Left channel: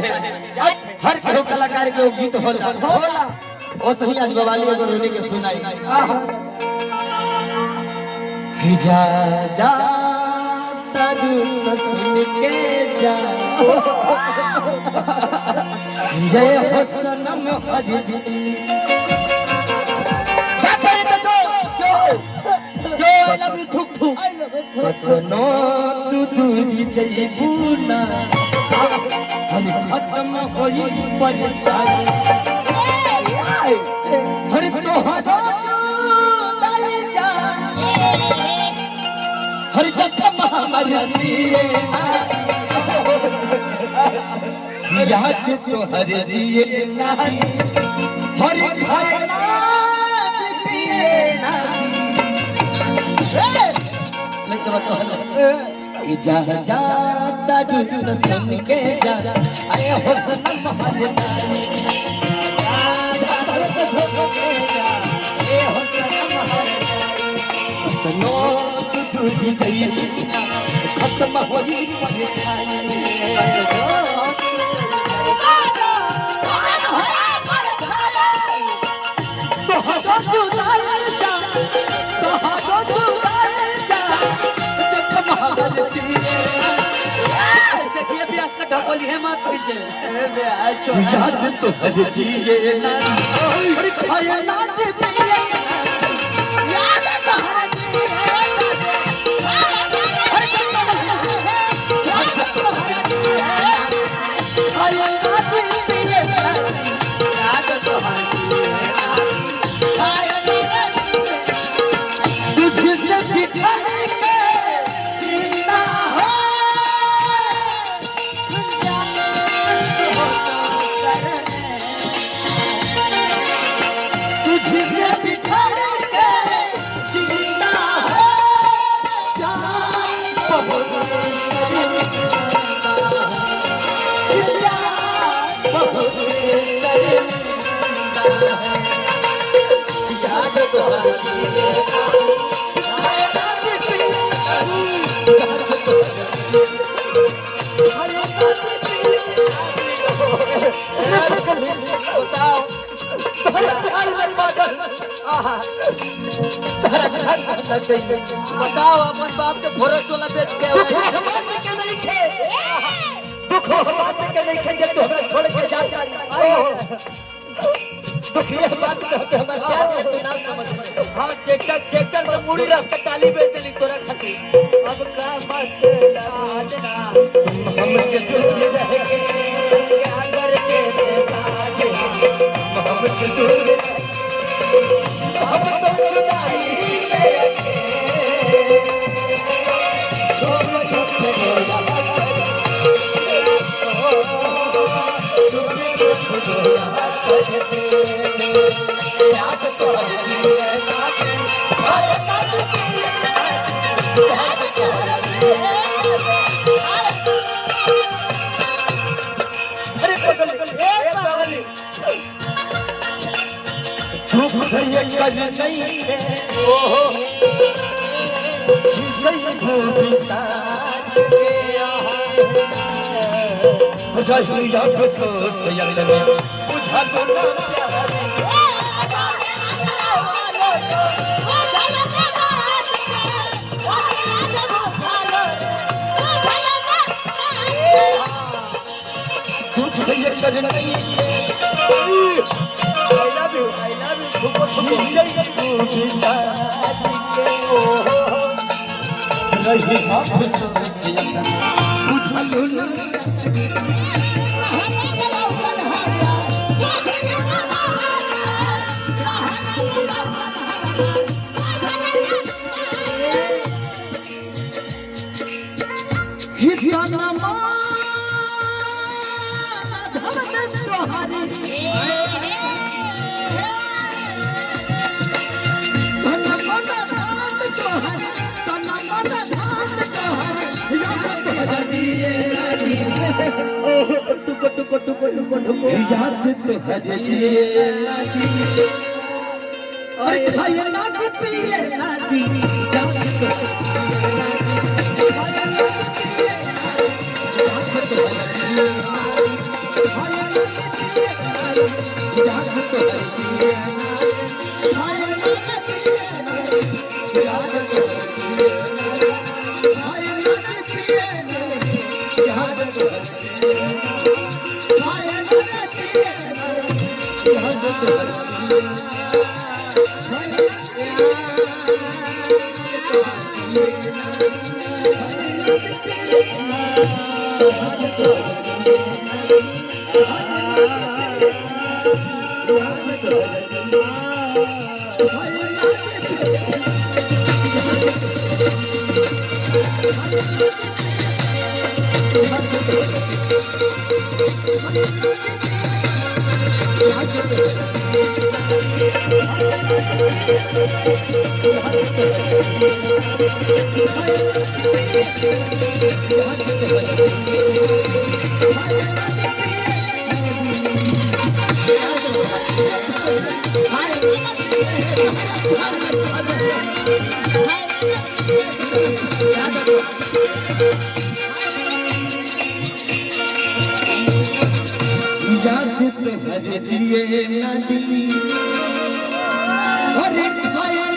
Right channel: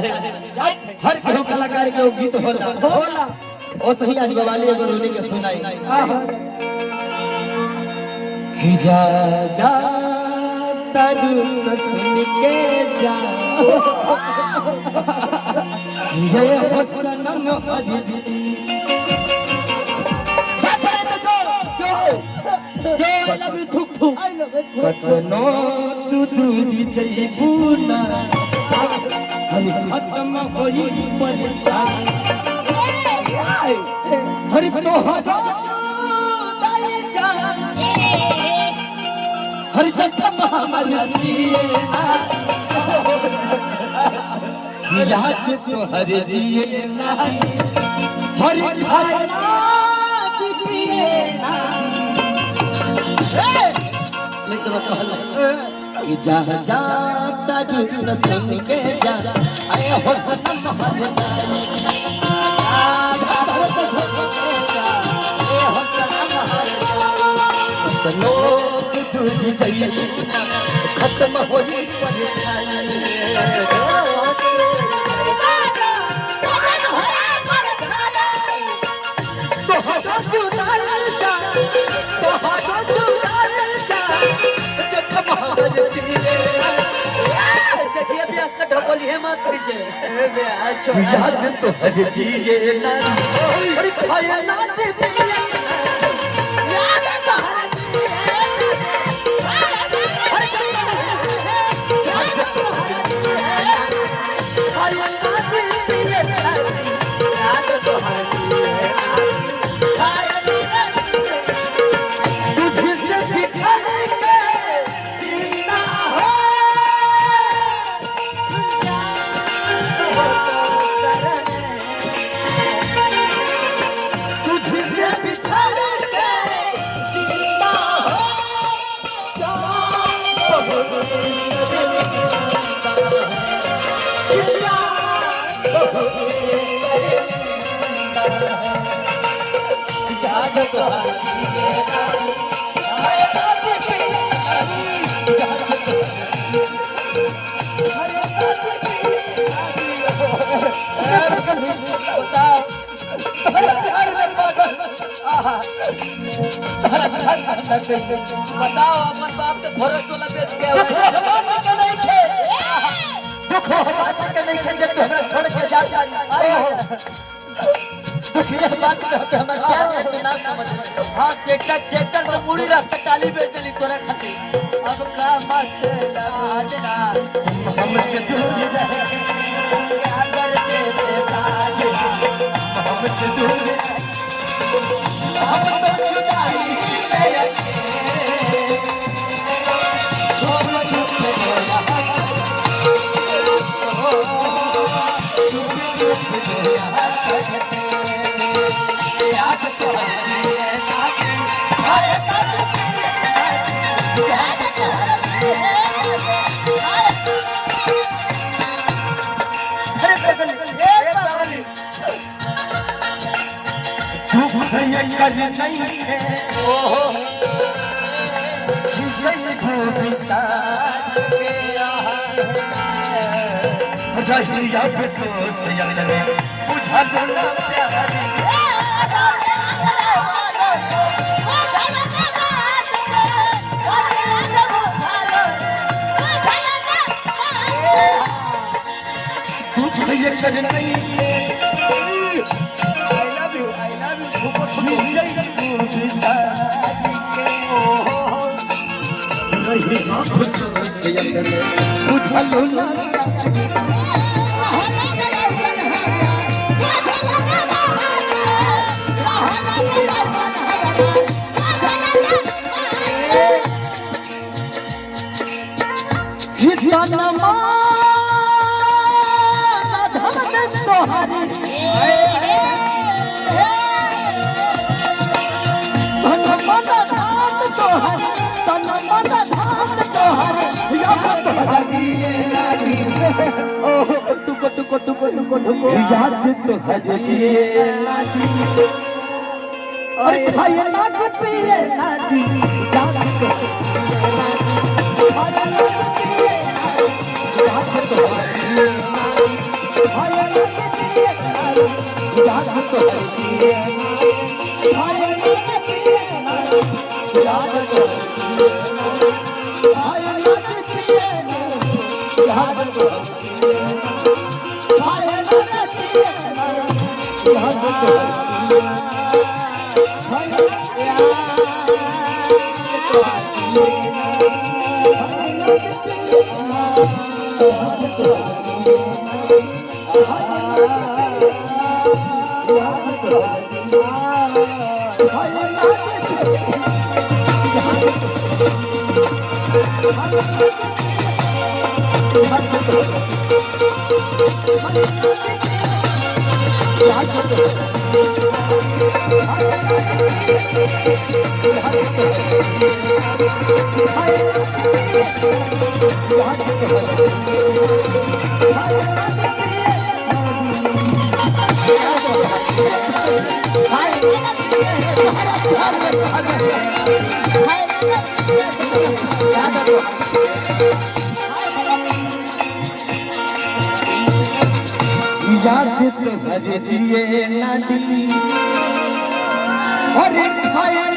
साहेब हर केहू कलाकार के गीत होला ओ सही आज गवाली अगर उन्हीं के सुनाई कि जा जा तरु सुन के जा जय हो सनम हजी कतनो तू दूरी जइबू ना हरि खत्म होई परेशानी हरि तो हदा जा हरि जखम हमारी याद तो हरि जिए ना हरि खाए ना पिए ना जा जा ताजु सुन के जा आए हो सनम हमारे भारत के जा ए हो सनम हमारे लो तुझी चाहिए खत्म होई परेशानी तो हदा तू जा तो हदा तू याद तो हर जिए ना हर खाए ना बताओ अपन बाप के घोड़े तो न बेच के नहीं थे दुख के नहीं थे जब तो छोड़ के जा देखिए बात तो हमारे प्यार के नाम समझ हां ट्रैक्टर तो पूरी रास्ता टाली बेच के तोरा खाती अब का मत लाजना हमसे दूर रह के क्या करके हमसे दूर अब तो जुदाई जिए नदी और